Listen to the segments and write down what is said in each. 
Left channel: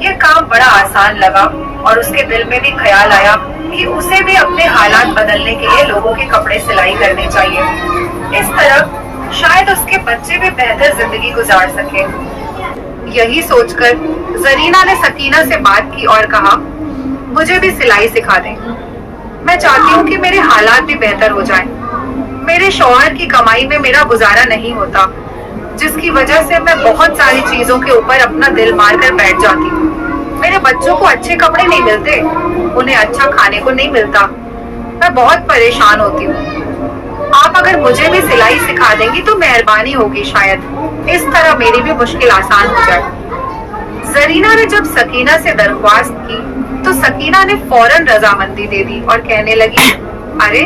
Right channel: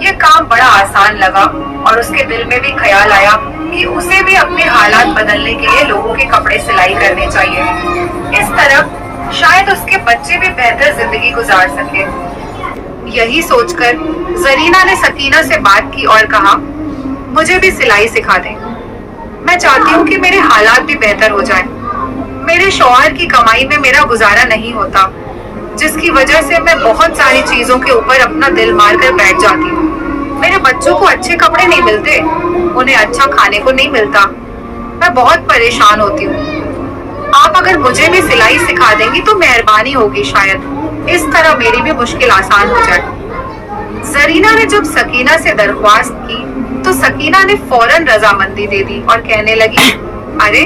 یہ کام بڑا آسان لگا اور اس کے دل میں بھی خیال آیا کہ اسے بھی اپنے حالات بدلنے کے لیے لوگوں کے کپڑے سلائی کرنے چاہیے۔ اس طرح شاید اس کے بچے بھی بہتر زندگی گزار سکے۔ یہی سوچ کر زرینہ نے سکینہ سے بات کی اور کہا، مجھے بھی سلائی سکھا دیں۔ میں چاہتی ہوں کہ میرے حالات بھی بہتر ہو جائیں۔ میرے شوہر کی کمائی میں میرا گزارا نہیں ہوتا، جس کی وجہ سے میں بہت ساری چیزوں کے اوپر اپنا دل مار کر بیٹھ جاتی ہوں۔ میرے بچوں کو اچھے کپڑے نہیں ملتے، انہیں اچھا کھانے کو نہیں ملتا، میں بہت پریشان ہوتی ہوں۔ آپ اگر مجھے بھی سلائی سکھا دیں گی تو مہربانی ہوگی، شاید اس طرح میری بھی مشکل آسان ہو جائے۔ زرینہ نے جب سکینہ سے درخواست کی تو سکینہ نے فوراً رضامندی دے دی اور کہنے لگی، ارے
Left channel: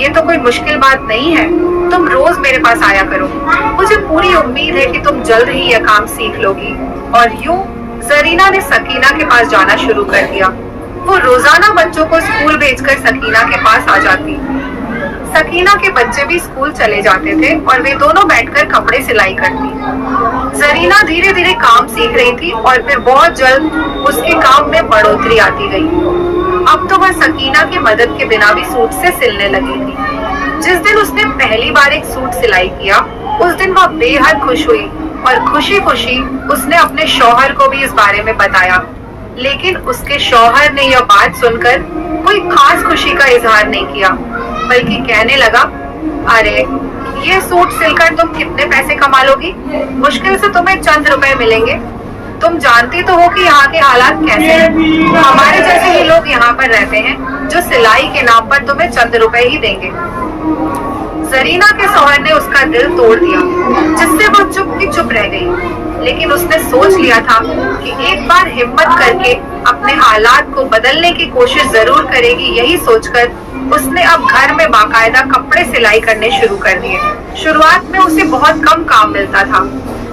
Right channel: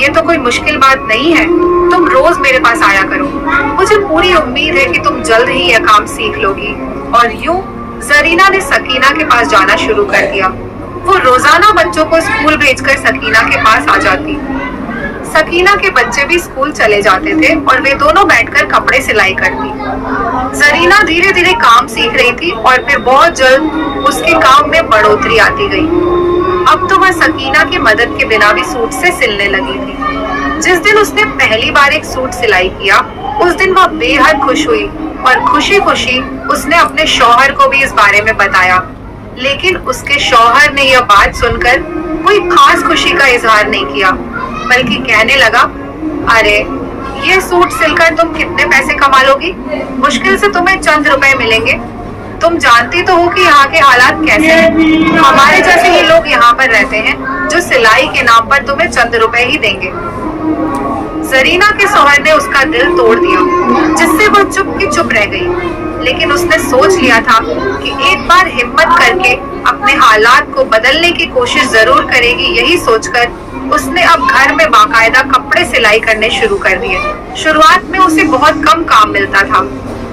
یہ تو کوئی مشکل بات نہیں ہے، تم روز میرے پاس آیا کرو، مجھے پوری امید ہے کہ تم جلد ہی یہ کام سیکھ لو گی۔ اور یوں زرینہ نے سکینہ کے پاس جانا شروع کر دیا۔ وہ روزانہ بچوں کو اسکول بھیج کر سکینہ کے پاس آ جاتی۔ سکینہ کے بچے بھی اسکول چلے جاتے تھے اور وہ دونوں بیٹھ کر کپڑے سلائی کرتی۔ زرینہ دھیرے دھیرے کام سیکھ رہی تھی اور پھر بہت جلد اس کے کام میں بڑھوتری آتی گئی۔ اب تو وہ سکینہ کی مدد کے بنا بھی سوٹ سے سلنے لگی تھی۔ جس دن اس نے پہلی بار ایک سوٹ سلائی کیا، اس دن وہ بے حد خوش ہوئی اور خوشی خوشی اس نے اپنے شوہر کو بھی اس بارے میں بتایا۔ لیکن اس کے شوہر نے یہ بات سن کر کوئی خاص خوشی کا اظہار نہیں کیا، بلکہ کہنے لگا، ارے یہ سوٹ سل کر تم کتنے پیسے کما لو گی؟ مشکل سے تمہیں چند روپے ملیں گے۔ تم جانتی تو ہو کہ یہاں کے حالات کیسے ہیں، ہمارے جیسے ہی لوگ یہاں پر رہتے ہیں جو سلائی کے نام پر تمہیں چند روپے ہی دیں گے۔ زرینہ کے شوہر نے اس کا دل توڑ دیا، جس سے وہ چپ کی چپ رہ گئی۔ لیکن اس نے سوچ لیا تھا کہ ایک بار ہمت کر کے اپنے حالات کو بدلنے کی کوشش ضرور کرے گی۔ یہی سوچ کر اس نے اب گھر میں باقاعدہ کپڑے سلائی کرنے شروع کر دیے۔ شروعات میں اسے بہت کم کام ملتا تھا،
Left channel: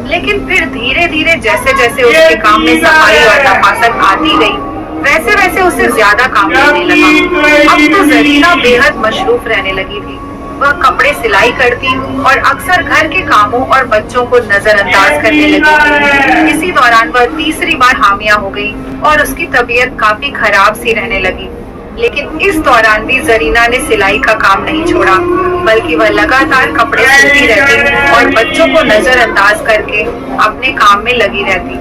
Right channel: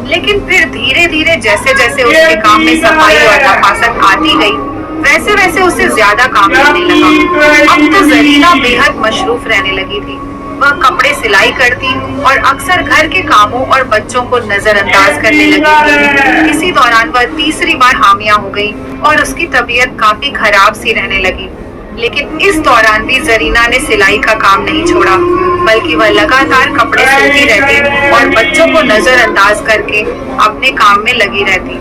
لیکن پھر دھیرے دھیرے جیسے جیسے اس کے کام میں صفائی اور نفاست آتی گئی، ویسے ویسے اسے زیادہ کام کرنے لگا۔ اب تو زرینہ بے حد مصروف رہنے لگی تھی۔ وہ کپڑے سلائی کرتی اور اکثر گھر کے کاموں اور بچوں کو نظر انداز کرنے لگی تھی۔ اسی دوران وہ تیسری بار حامیہ ہو گئی اور اس کی طبیعت کافی خراب سی رہنے لگی۔ لیکن اس دوران بھی زرینہ نے سلائی کا کام نہیں چھوڑا، بلکہ وہ لگاتار کپڑے سلتی رہتی اور بچوں کو نظر انداز کر کے اپنے کام میں لگی رہتی۔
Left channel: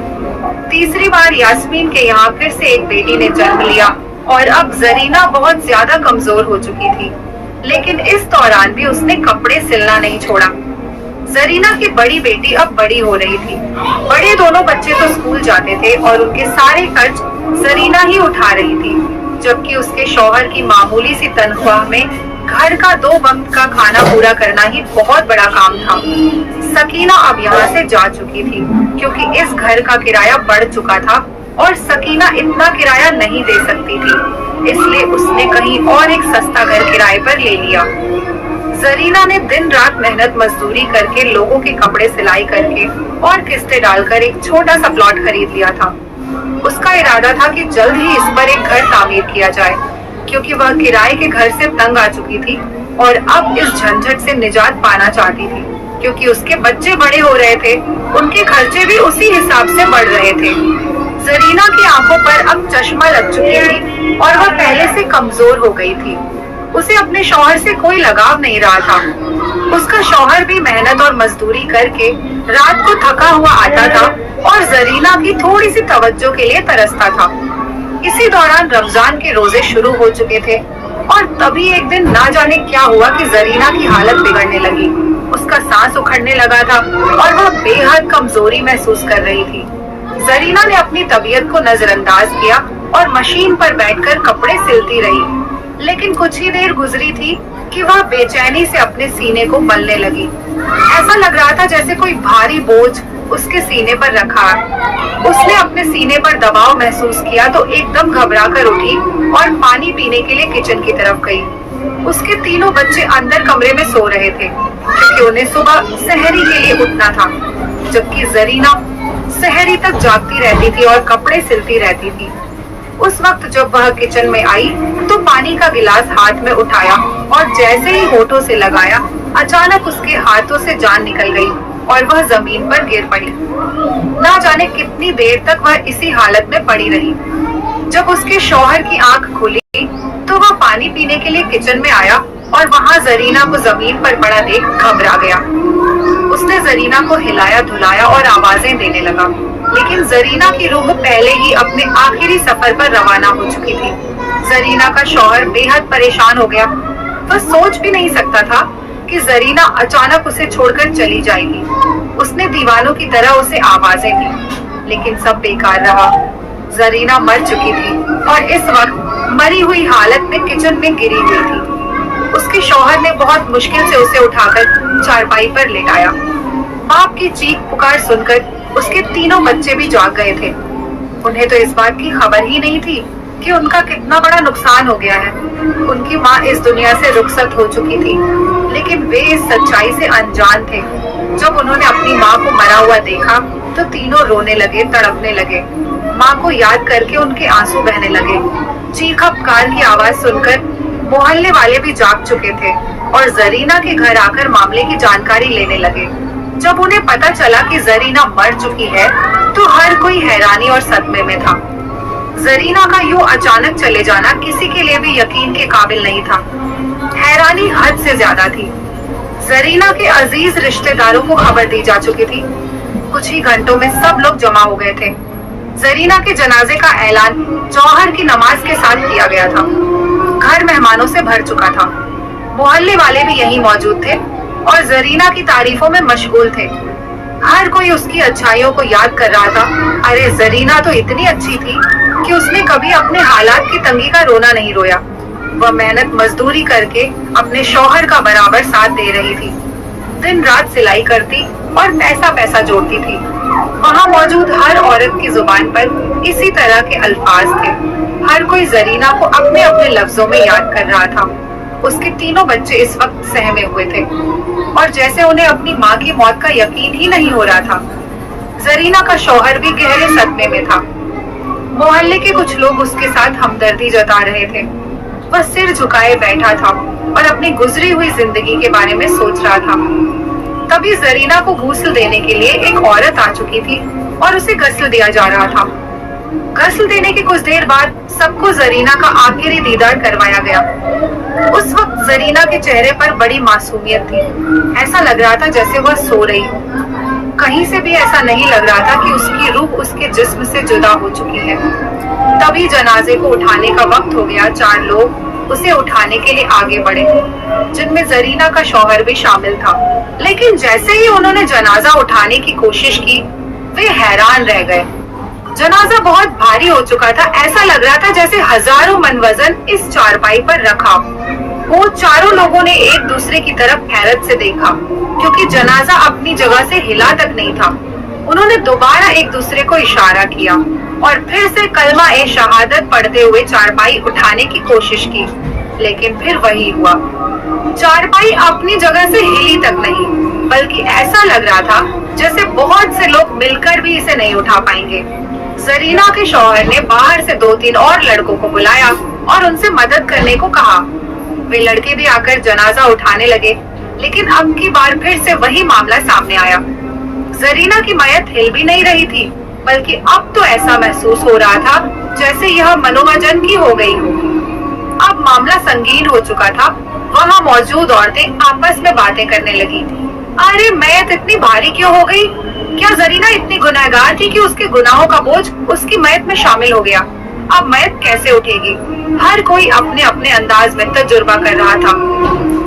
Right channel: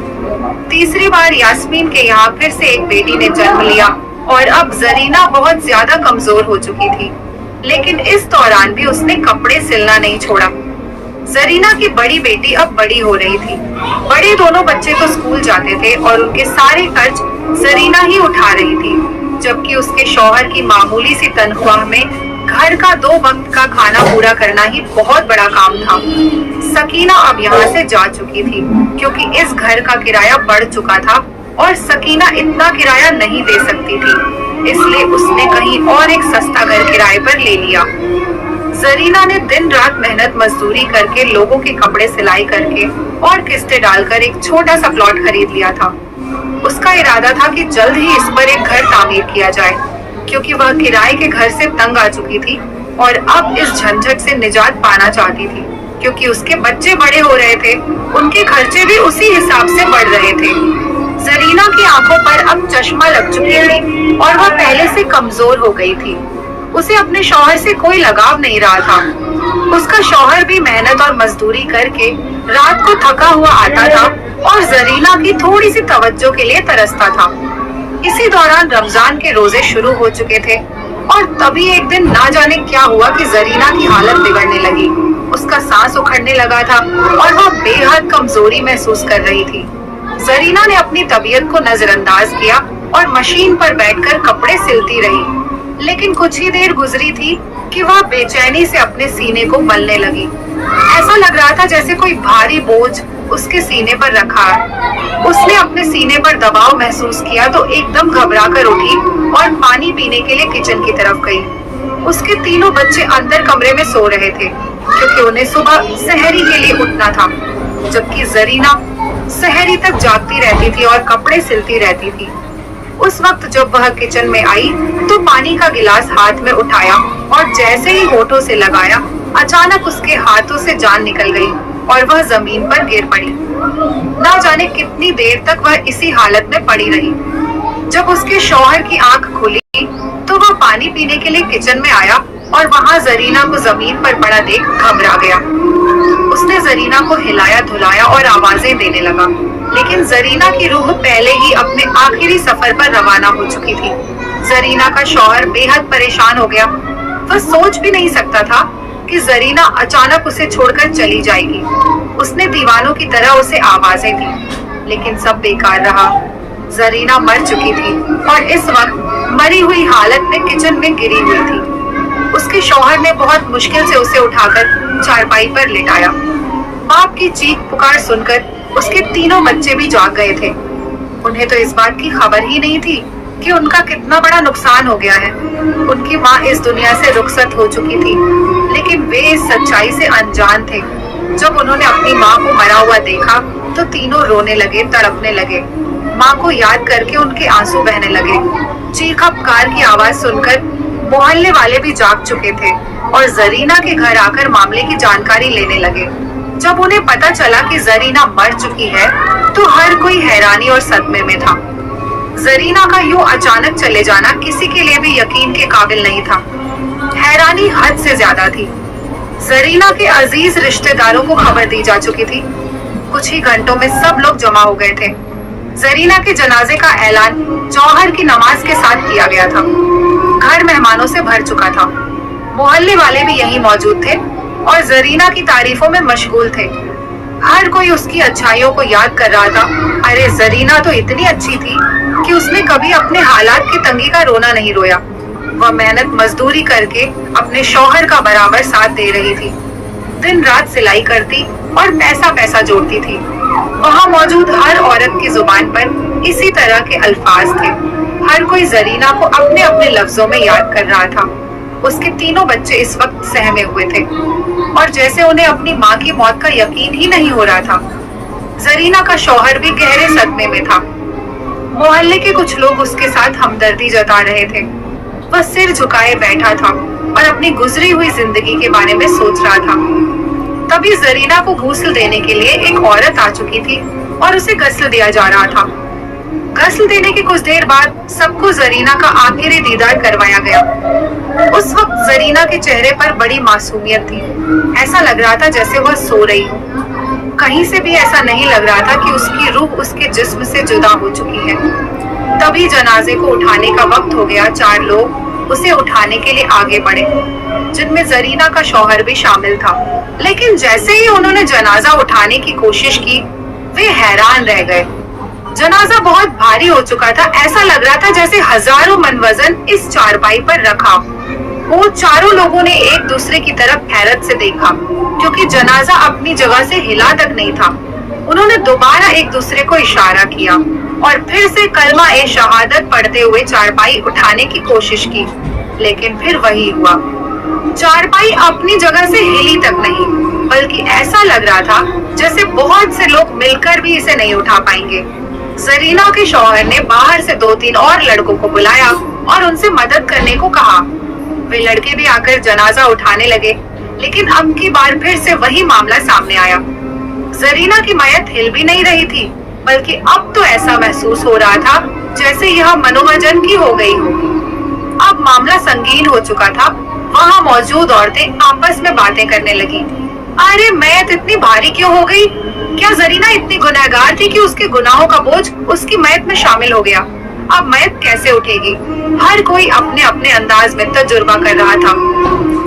تیسری بار یاسمین کے یہاں پھر سے ایک بیٹی نے جنم لیا اور اب زرینہ بہت زیادہ کمزور ہو چکی تھی، لیکن اس دوران بھی اس نے کپڑے سلنا نہیں چھوڑا۔ زرینہ کی بڑی بیٹی اب بڑی ہو رہی تھی۔ بڑے دونوں بچے تو اسکول جاتے تھے اور ان کے سارے خرچ زرینہ ہی اٹھا رہی تھی، جبکہ اس کے شوہر کی معمولی سی تنخواہ میں گھر کا 2 وقت کا کھانا پورا کرنا ہی بہت بڑا کام تھا۔ سکینہ اب یہاں سے جا چکی تھی کیونکہ اس گھر کا کرایہ بڑھ چکا تھا اور سکینہ اتنا کرایہ نہیں دے سکتی تھی، اس لیے اس نے کہیں اور ایک سستا گھر کرائے پر لے لیا۔ زرینہ نے دن رات محنت مزدوری کر کے لوگوں کے کپڑے سلائی کر کے اور قسطیں ڈال کر ایک چھوٹا سا پلاٹ خرید لیا تھا۔ اس کا ارادہ تھا کہ جلد ہی اس پر ایک گھر تعمیر کیا جائے، کیونکہ وہ کرائے کے گھر سے تنگ آ چکی تھی اور اب اس جھنجھٹ سے نجات پانا چاہتی تھی، کیونکہ اس کے بچے بڑے ہو رہے تھے، ان کے خرچے بھی اسی حساب سے بڑھ رہے تھے۔ زرینہ کی آنکھوں پر اب چشمہ لگ چکی تھی اور وہ پہلے سے کمزور ہو گئی تھی۔ اسے اپنے شوہر سے کوئی لگاؤ نہیں رہا تھا۔ اس کا شوہر بھی محنت اور مزدوری کر کے رات کو تھکا ہوا آتا تھا اور زرینہ کی تھوڑی سی توجہ کے لیے ترستا تھا۔ اسی دوران رمضان کے روزے شروع ہو چکے تھے اور تبھی ایک دن نہ جانے کیا ہوا کہ زرینہ کی حالت بگڑنے لگی۔ اس کا سانس اکھڑنے لگا تھا اور وہ بے حد کمزوری محسوس کر رہی تھی۔ زرینہ نے اپنی طبیعت کو نظر انداز کیا اور مشین پر بیٹھ کر کپڑے سلتی رہی، لیکن کچھ ہی دیر گزری تھی کہ وہ بے چینی سے اپنے سینے کو ملنے لگی۔ ایسا لگ رہا تھا جیسے کوئی بھاری بوجھ اس کے سینے پر رکھا۔ اس نے اپنے سینے پر دباؤ محسوس کیا تو ایک دم گھبرا کر اٹھی اور پانی پینے کے لیے کچن کی طرف گئی۔ اس کے تینوں بچے اندر کمرے میں سو رہے تھے کیونکہ انہیں صبح سحری کے لیے اٹھنا تھا، جبکہ زرینہ سحری تک جاگتی رہتی تھی اور کپڑے سلتی رہتی تھی۔ اس وقت جب وہ کچن میں آئی تو پانی کا گلاس ہاتھ میں اٹھایا اور جیسے ہی ہونٹوں سے لگایا، اچانک اس کے ہاتھوں سے جان نکل گئی اور وہ زمین پر گر پڑی۔ نہ جانے کتنی دیر تک وہ اسی حالت میں پڑی رہی۔ جب اس کے شوہر کی آنکھ کھلی تو وہ پانی پینے کے لیے کچن میں آیا اور وہاں زرینہ کو زمین پر پڑا دیکھ گھبرا گیا۔ اس نے زرینہ کو ہلایا دھلایا اور آوازیں دینے لگا، لیکن زرینہ کی روح پہلے ہی اپنے آخری سفر پر روانہ ہو چکی تھی۔ زرینہ کا شوہر بے حد پریشان ہو گیا۔ وہ سوچ بھی نہیں سکتا تھا کہ زرینہ اچانک اسے چھوڑ کر چلی جائے گی۔ اس نے دیوانوں کی طرح اسے آوازیں دی، لیکن سب بیکار رہا۔ زرینہ مر چکی تھی اور اس وقت مری ہوئی حالت میں کچن میں گری ہوئی تھی۔ اس کے شوہر نے بہت مشکل سے اسے اٹھا کر چارپائی پر لٹایا۔ باپ کی چیخ پکار سن کر اس کے تینوں بچے بھی جاگ گئے تھے۔ انہیں تو اس بات کی خبر ہی نہیں تھی کہ ان کا کتنا بڑا نقصان ہو گیا ہے۔ ان کی ماں اس دنیا سے رخصت ہو چکی تھی، لیکن وہ اس سچائی سے انجان تھے۔ جب انہوں نے اپنی ماں کو مرا ہوا دیکھا تو تینوں رونے لگے، تڑپنے لگے۔ ماں کو یاد کر کے ان کے آنسو بہنے لگے۔ چیخا پکار کی آواز سن کر محلے والے بھی جاگ چکے تھے اور زرینہ کے گھر آ کر معاملے کی جانکاری لینے لگے۔ جب انہیں پتا چلا کہ زرینہ مر چکی ہے تو ہر کوئی حیرانی اور صدمے میں تھا۔ زرینہ کا یوں اچانک چلے جانا کسی کے لیے بھی یقین کے قابل نہیں تھا۔ حیرانی حد سے زیادہ تھی۔ زرینہ کے عزیز رشتہ داروں کو خبر دی جا چکی تھی۔ کچھ ہی گھنٹوں میں سب لوگ جمع ہو گئے تھے۔ زرینہ کے جنازے کا اعلان جوہر کی نماز کے ساتھ کیا گیا تھا۔ گھر مہمانوں سے بھر چکا تھا۔ محلے والے بھی یہیں موجود تھے اور زرینہ کی تعریفوں میں مشغول تھے۔ ہر کوئی اس کی اچھائیوں کو یاد کر رہا تھا۔ ارے زرینہ تو اتنی اچھی تھی کہ اس نے کبھی اپنے حالات کی تنگی کا رونا نہیں رویا۔ وہ محنت مزدوری کر کے اپنے شوہر کا برابر ساتھ دے رہی تھی۔ دن رات سلائی کرتی اور پیسہ جوڑتی تھی۔ وہاں موجود ہر عورت کی زبان پر اسی طرح کے الفاظ تھے۔ ہر کوئی زرینہ کو اپنے اپنے لفظوں میں یاد کر رہا تھا۔ اس کے تینوں بچے اس وقت سہمے ہوئے تھے اور جیسے انہیں اپنی ماں کی موت کا یقین ہی نہیں ہو رہا تھا۔ زرینہ کا شوہر بھی گہرے صدمے میں تھا۔ محلے کے کچھ لوگ اس کے ساتھ ہمدردی جتا رہے تھے۔ وہ سر جھکائے بیٹھا تھا اور اپنی گزری ہوئی زندگی کے بارے میں سوچ رہا تھا۔ تبھی زرینہ کو غسل دینے کے لیے ایک عورت آ چکی تھی اور اسے غسل دیا جا رہا تھا۔ غسل دینے کی کچھ دیر بعد سب کو زرینہ کا آخری دیدار کروایا گیا۔ اس وقت زرینہ کے چہرے پر بڑی معصومیت تھی۔ ایسا لگ رہا تھا جیسے وہ سو رہی ہو۔ کہیں سے بھی ایسا نہیں لگ رہا تھا کہ اس کی روح اس کے جسم سے جدا ہو چکی ہے۔ تبھی جنازے کو اٹھانے کا وقت ہو گیا۔ 4 لوگ اسے اٹھانے کے لیے آگے بڑھے، جن میں زرینہ کا شوہر بھی شامل تھا۔ لیکن جیسے ہی انہوں نے جنازہ اٹھانے کی کوشش کی، وہ حیران رہ گئے۔ جنازہ بہت بھاری ہو چکا تھا۔ ایسا لگ رہا تھا جیسے ہزاروں من وزن اس چارپائی پر رکھا۔ وہ چاروں لوگوں نے ایک دوسرے کی طرف حیرت سے دیکھا، کیونکہ جنازہ اپنی جگہ سے ہلا تک نہیں تھا۔ انہوں نے دوبارہ ایک دوسرے کو اشارہ کیا اور پھر سے کلمہ شہادت پڑھتے ہوئے چارپائی اٹھانے کی کوشش کی، لیکن پھر وہی ہوا۔ چارپائی اپنی جگہ سے ہلی تک نہیں، بلکہ ایسا لگ رہا تھا جیسے بہت سے لوگ مل کر بھی اسے نہیں اٹھا پائیں گے۔ زرینہ کے شوہر نے باہر سے 2-3 اور لڑکوں کو بلایا اور ان سے مدد کرنے کو کہا۔ وہ لڑکے بھی آ کر جنازہ اٹھانے لگے، لیکن اب کی بار پھر سے وہی معاملہ سامنے آیا۔ زرینہ کی میت ہل بھی نہیں رہی تھی، بلکہ اب تو ایسا محسوس ہو رہا تھا جیسے یہ منووجن کی ہو گئی ہو۔ اب معاملہ سنگین ہو چکا تھا۔ وہاں موجود عورتیں آپس میں باتیں کرنے لگی۔ ارے میت اتنی بھاری کیوں ہو گئی؟ کیا زرینہ اتنی گنہگار تھی کہ اس کے گناہوں کا بوجھ اس کی میت میں شامل ہو گیا؟ اب میت کیسے اٹھے گی؟ ہر کوئی اپنے اپنے انداز میں تجربہ کر رہا تھا۔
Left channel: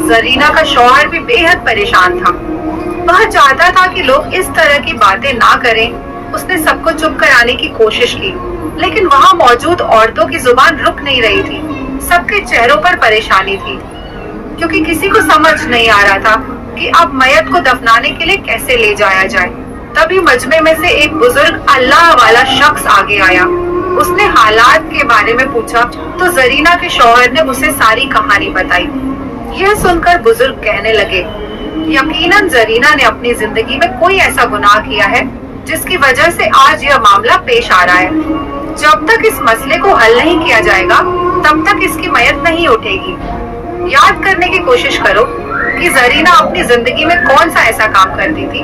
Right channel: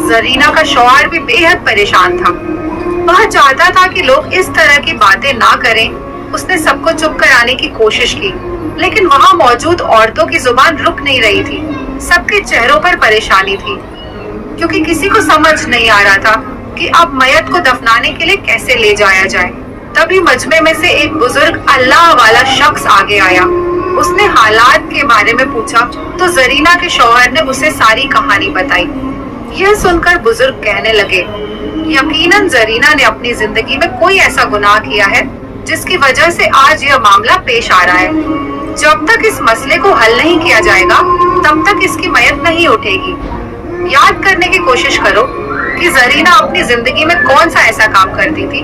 زرینہ کا شوہر بھی بے حد پریشان تھا۔ وہ چاہتا تھا کہ لوگ اس طرح کی باتیں نہ کریں۔ اس نے سب کو چپ کرانے کی کوشش کی، لیکن وہاں موجود عورتوں کی زبان رک نہیں رہی تھی۔ سب کے چہروں پر پریشانی تھی، کیونکہ کسی کو سمجھ نہیں آ رہا تھا کہ اب میت کو دفنانے کے لیے کیسے لے جایا جائے۔ تبھی مجمع میں سے ایک بزرگ اللہ والا شخص آگے آیا۔ اس نے حالات کے بارے میں پوچھا تو زرینہ کے شوہر نے اسے ساری کہانی بتائی۔ یہ سن کر بزرگ کہنے لگے، یقیناً زرینہ نے اپنی زندگی میں کوئی ایسا گناہ کیا ہے جس کی وجہ سے آج یہ معاملہ پیش آ رہا ہے۔ جب تک اس مسئلے کو حل نہیں کیا جائے گا تب تک اس کی میت نہیں اٹھے گی۔ یاد کرنے کی کوشش کرو کہ زرینہ اپنی زندگی میں کون سا ایسا کام کرتی تھی